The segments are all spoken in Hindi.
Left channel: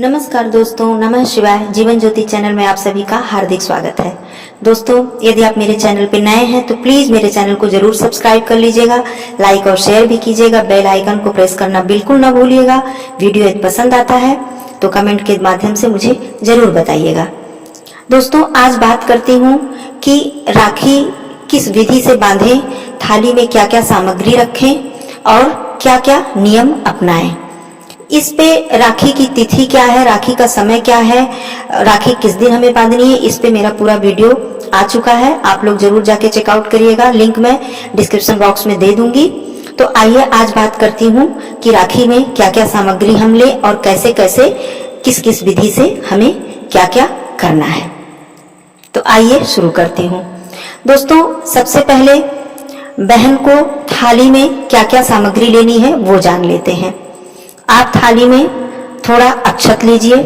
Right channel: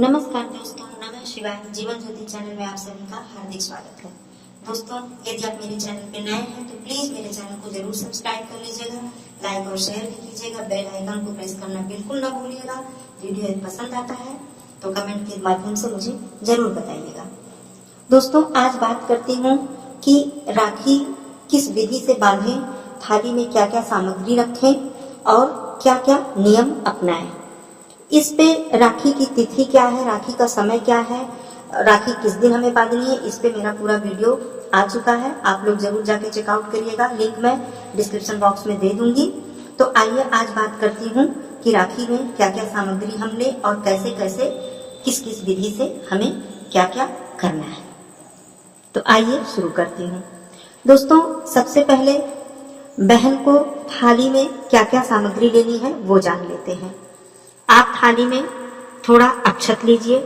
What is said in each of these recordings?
नमस्कार दोस्तों, नमः शिवाय। जीवन ज्योति चैनल में आप सभी का हार्दिक स्वागत है। दोस्तों, यदि आप मेरे चैनल पे नए हैं तो प्लीज मेरे चैनल को जरूर सब्सक्राइब कर लीजिएगा, लाइक और शेयर भी कीजिएगा, बेल आइकन को प्रेस करना बिल्कुल ना भूलिएगा। वीडियो यदि पसंद आता है तो कमेंट के माध्यम से मुझे जरूर बताइएगा। दोस्तों, आज बात करती हूँ कि राखी किस विधि से बांधें, थाली में क्या क्या सामग्री रखें और क्या क्या नियम अपनाएं। इस पे राखी की तिथि क्या है, राखी का समय क्या है, राखी किस दिन हमें बांधनी है, इस पे मेरा पूरा वीडियो आ चुका है। आप लोग जरूर जाके चेकआउट करिएगा, लिंक मैं डिस्क्रिप्शन बॉक्स में दे दूंगी। तो आइए आज बात करती हूँ कि राखी में क्या क्या सामग्री हम ले और कैसे कैसे किस किस विधि से हमें क्या क्या करना है। तो आइए शुरू करती हूँ। दोस्तों, सबसे पहले बहन को थाली में क्या क्या सामग्री लेनी है वो जान लेते हैं। आप थाली में थोड़ा अक्षत लीजिए,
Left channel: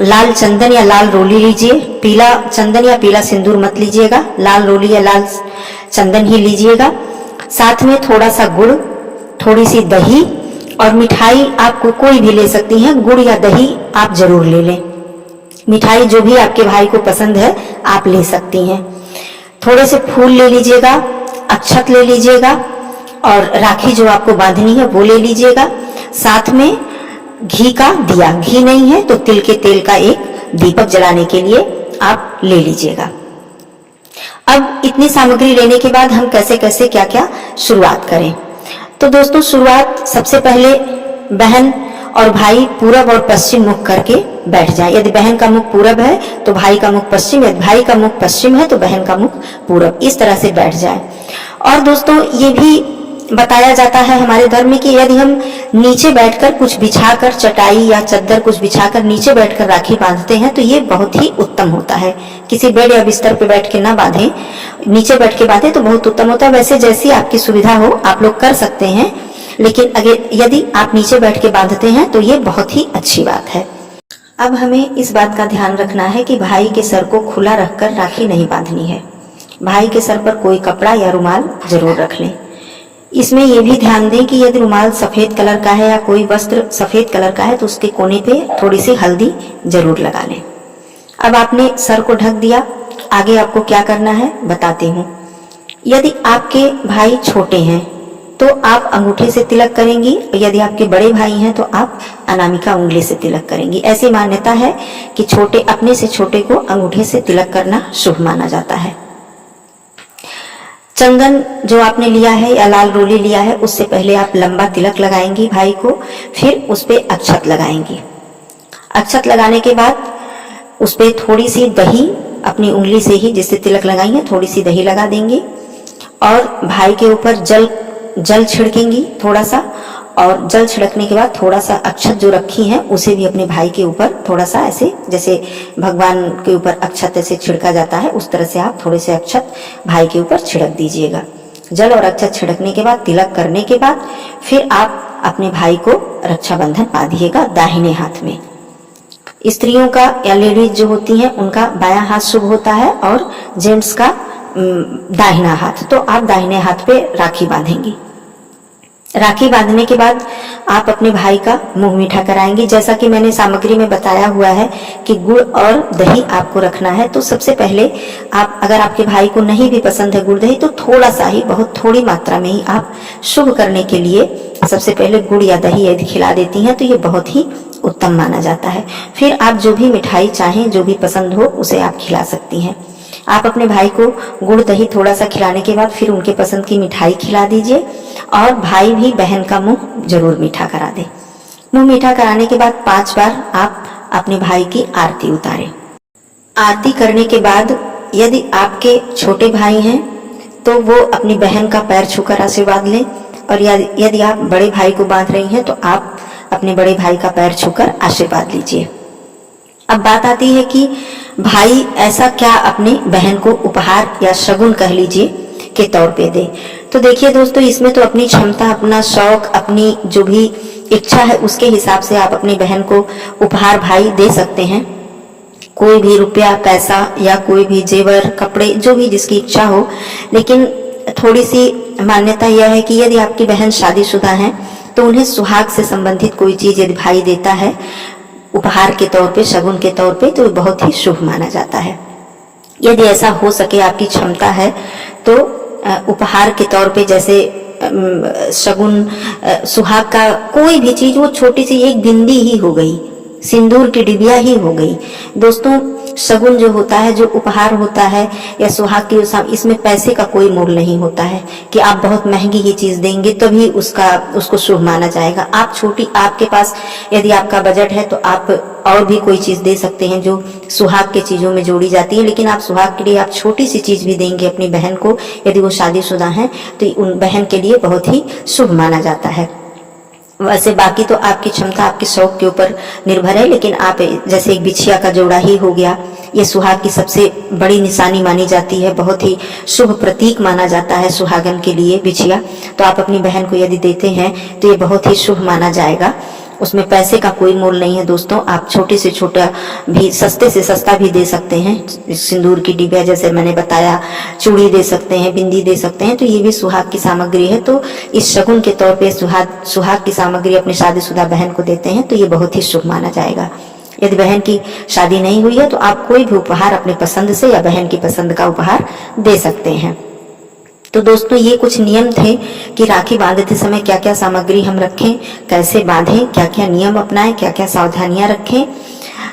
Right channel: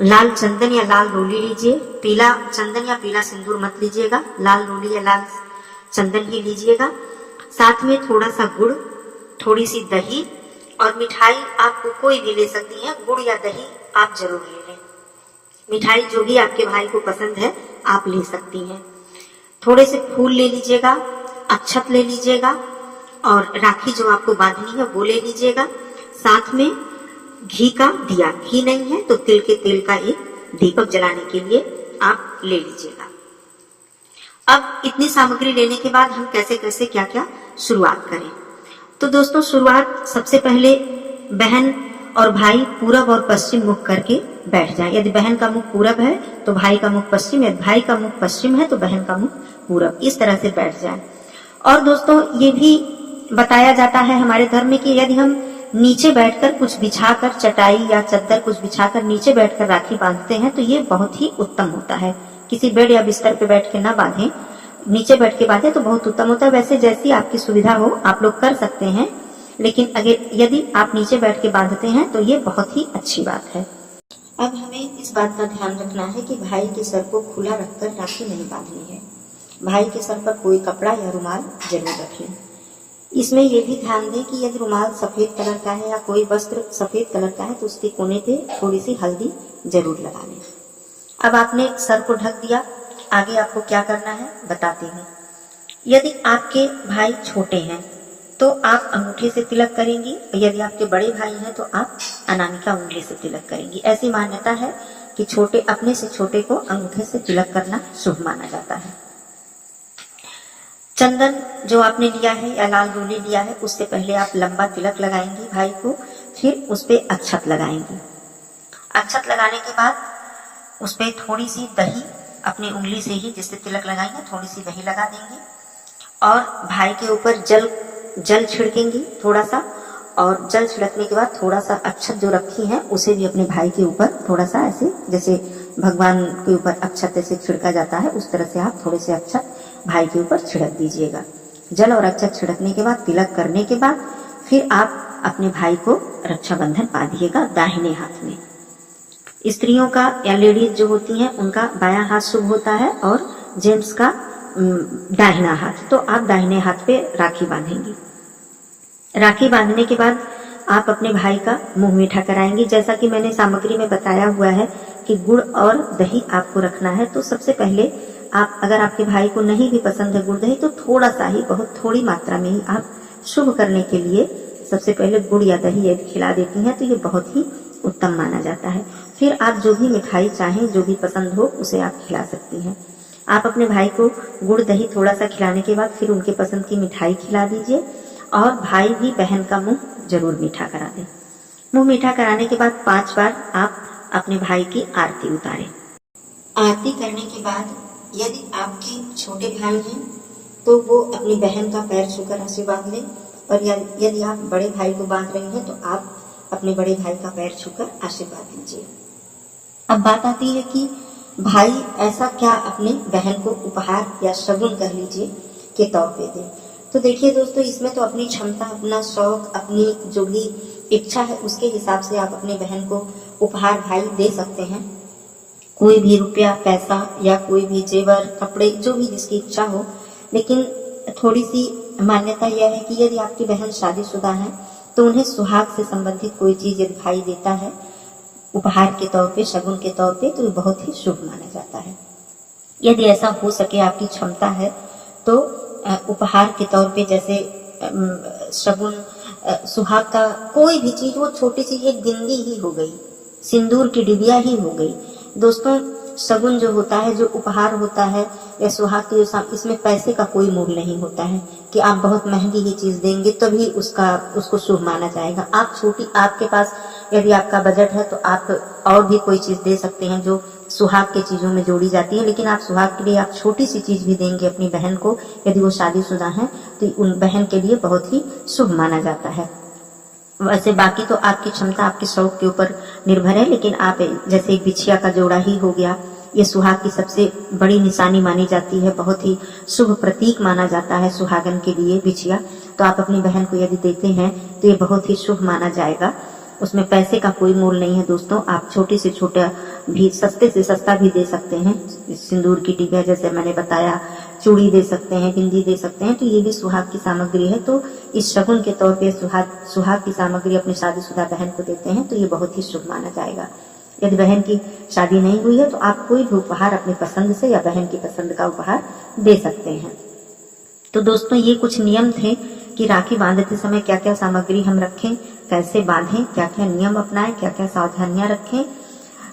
लाल चंदन या लाल रोली लीजिए, पीला चंदन या पीला सिंदूर मत लीजिएगा, लाल रोली या लाल चंदन ही लीजिएगा। साथ में थोड़ा सा गुड़, थोड़ी सी दही और मिठाई आपको कोई भी ले सकती हैं, गुड़ या दही आप जरूर ले लें। मिठाई जो भी आपके भाई को पसंद है आप ले सकती हैं। थोड़े से फूल ले लीजिएगा, अक्षत ले लीजिएगा और राखी जो आपको बांधनी है वो ले लीजिएगा। साथ में घी का दिया, घी नहीं है तो तिल के तेल का एक दीपक जलाने के लिए आप ले लीजिएगा। अब इतनी सामग्री लेने के बाद हम कैसे कैसे क्या क्या शुरुआत करें। तो दोस्तों, शुरुआत सबसे पहले बहन और भाई पूरब और पश्चिम मुख करके बैठ जाए। यदि बहन का मुख पूरब है तो भाई का मुख पश्चिम, यदि भाई का मुख पश्चिम है तो बहन का मुख पूरब, इस तरह से बैठ जाए। और दोस्तों, ये भी बताया जाता है हमारे धर्म में कि यदि हम नीचे बैठकर कुछ बिछाकर, चटाई या चद्दर कुछ बिछाकर नीचे बैठकर राखी बांधते हैं तो ये बहुत ही उत्तम होता है। किसी बेड या बिस्तर पे बैठ के ना बांधें, नीचे बैठ के बांधें तो बहुत उत्तम होता है। वैसे जैसी आपकी सुविधा हो आप लोग कर सकते हैं, लेकिन अगर यदि आप नीचे बैठ के बांधते हैं तो ये बहुत ही अच्छी बात है। अब हमें इस बात का ध्यान रखना है कि भाई के सर को खुला रखकर राखी नहीं बांधनी है। भाई के सर पर कोई कपड़ा या रुमाल जरूर रख लें। इसमें यह भी ध्यान दें कि यदि रुमाल सफेद कलर का है या कोई वस्त्र सफेद कलर का है तो उसके कोने पे थोड़ी सी हल्दी जरूर लगा लें। अब आपने सर को ढक दिया, आगे आपको क्या करना है बताती हूँ। यदि आपके भाई छोटे हैं तो आप अंगूठे से तिलक करेंगी, और यदि आपके बड़े भाई हैं तो आप अनामिका उंगली से तिलक करेंगी। ऐसी मान्यता है कि छोटे अपने से छोटे को अंगूठे से तिलक करना शुभ माना जाता है। चंदन जो आपने लिया है या लाल रोली लिया है उससे पहले आप लंबा तिलक लगाएंगी भाई को, फिर उस पे अक्षत लगाएंगी। अक्षत लगाने के बाद उस पे थोड़ी सी दही अपनी उंगली से ही, जिससे तिलक लगाई है, थोड़ी सी दही लगा देंगी और भाई के ऊपर जल छिड़केंगी थोड़ा सा, और जल छिड़कने के बाद थोड़ा सा अक्षत जो रखी है उसे भी अपने भाई के ऊपर थोड़ा सा, ऐसे जैसे भगवान के ऊपर अक्षत ऐसे छिड़का जाता है उस तरह से आप थोड़े से अक्षत भाई के ऊपर छिड़क दीजिएगा। जल और अक्षत छिड़कने के बाद, तिलक करने के बाद फिर आप अपने भाई को रक्षाबंधन बांधिएगा दाहिने हाथ में। स्त्रियों का या लेडीज जो होती हैं उनका बायां हाथ शुभ होता है और जेंट्स का दाहिना हाथ। तो आप दाहिने हाथ पे राखी बांधेंगी। राखी बांधने के बाद आप अपने भाई का मुंह मीठा कराएंगी। जैसा कि मैंने सामग्री में बताया हुआ है कि गुड़ और दही आपको रखना है। तो सबसे पहले आप, अगर आपके भाई को नहीं भी पसंद है गुड़ दही, तो थोड़ा सा ही, बहुत थोड़ी मात्रा में ही आप शुभ करने के लिए सबसे पहले गुड़ या दही यदि खिला देती हैं तो ये बहुत ही उत्तम माना जाता है। फिर आप जो भी मिठाई चाहें, जो भी पसंद हो उसे आप खिला सकती हैं। आप अपने भाई को गुड़ दही थोड़ा सा खिलाने के बाद फिर उनके पसंद की मिठाई खिला दीजिए और भाई भी बहन का मुंह जरूर मीठा करा दे। मुंह मीठा कराने के बाद 5 बार आप अपने भाई की आरती उतारें। आरती करने के बाद यदि आपके छोटे भाई हैं तो वो अपनी बहन का पैर छूकर आशीर्वाद लें, और यदि आप बड़े भाई को बांध रही हैं तो आप अपने बड़े भाई का पैर छूकर आशीर्वाद लीजिए। अब बात आती है कि भाई ऐसा क्या अपने बहन को उपहार या शगुन कह लीजिए के तौर पे दे। तो देखिए दोस्तों, इसमें तो अपनी क्षमता, अपना शौक, अपनी जो भी इच्छा है उसके हिसाब से आप अपनी बहन को उपहार भाई दे सकते हैं। कोई भी रुपया, पैसा या कोई भी जेवर, कपड़े, जो भी जिसकी इच्छा हो। लेकिन थोड़ी सी मान्यता यह है कि यदि आपकी बहन शादीशुदा है तो उन्हें सुहाग से संबंधित कोई चीज यदि भाई देता है उपहार के तौर पे, शगुन के तौर पे, तो बहुत ही शुभ माना जाता है। यदि ऐसा हो सके, आपकी क्षमता है, तो उपहार के तौर पे जैसे शगुन, सुहाग का कोई भी चीज, वो छोटी सी एक बिंदी ही हो गई, सिंदूर की डिबिया ही हो गई। दोस्तों, शगुन जो होता है, जो उपहार होता है या सुहाग की, इसमें पैसे का कोई मोल नहीं होता है कि आप बहुत महंगी ही चीज देंगे तभी उसको शुभ माना जाएगा। आप छोटी, आपके पास यदि आपका बजट है तो आप और भी कोई चीज दे सकते हैं जो सुहाग के चीजों में जोड़ी जाती है, लेकिन आप सुहाग के लिए आप छोटी सी चीज भी देंगे अपनी बहन को, यदि वो शादीशुदा है, तो उन बहन के लिए बहुत ही शुभ माना जाता है। वैसे बाकी तो आपकी क्षमता, आपके शौक के ऊपर निर्भर है, लेकिन आप जैसे एक बिछिया का जोड़ा ही हो गया, ये सुहाग की सबसे बड़ी निशानी मानी जाती है, बहुत ही शुभ प्रतीक माना जाता है सुहागन के लिए बिछिया। तो आप अपनी बहन को यदि देते हैं तो ये बहुत ही शुभ माना जाएगा। उसमें पैसे का कोई मोल नहीं है दोस्तों। आप छोटे से छोटा भी, सस्ते से सस्ता भी दे सकते हैं। सिंदूर की डिबिया जैसे मैंने बताया, चूड़ी दे सकते हैं, बिंदी दे सकते हैं, तो ये भी सुहाग की सामग्री है। तो इस शगुन के तौर पे सुहाग की सामग्री अपनी शादीशुदा बहन को देते हैं तो ये बहुत ही शुभ माना जाएगा। यदि बहन की शादी नहीं हुई है तो आप कोई भी उपहार अपनी पसंद से या बहन की पसंद का उपहार दे सकते हैं। तो दोस्तों, ये कुछ नियम थे कि राखी बांधते समय क्या क्या सामग्री हम रखें, कैसे बांधें, क्या क्या नियम अपनाएं, क्या क्या सावधानियां रखें।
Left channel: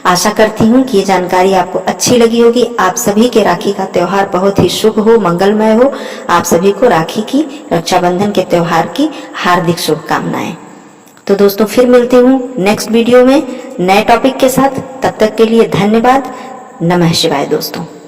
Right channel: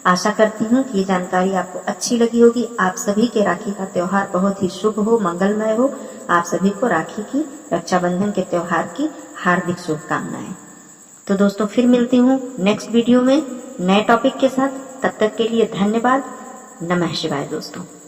आशा करती हूँ कि ये जानकारी आपको अच्छी लगी होगी। आप सभी के राखी का त्योहार बहुत ही शुभ हो, मंगलमय हो। आप सभी को राखी की, रक्षाबंधन के त्योहार की हार्दिक शुभकामनाएं। तो दोस्तों, फिर मिलती हूँ नेक्स्ट वीडियो में नए टॉपिक के साथ। तब तक के लिए धन्यवाद। नमः शिवाय दोस्तों।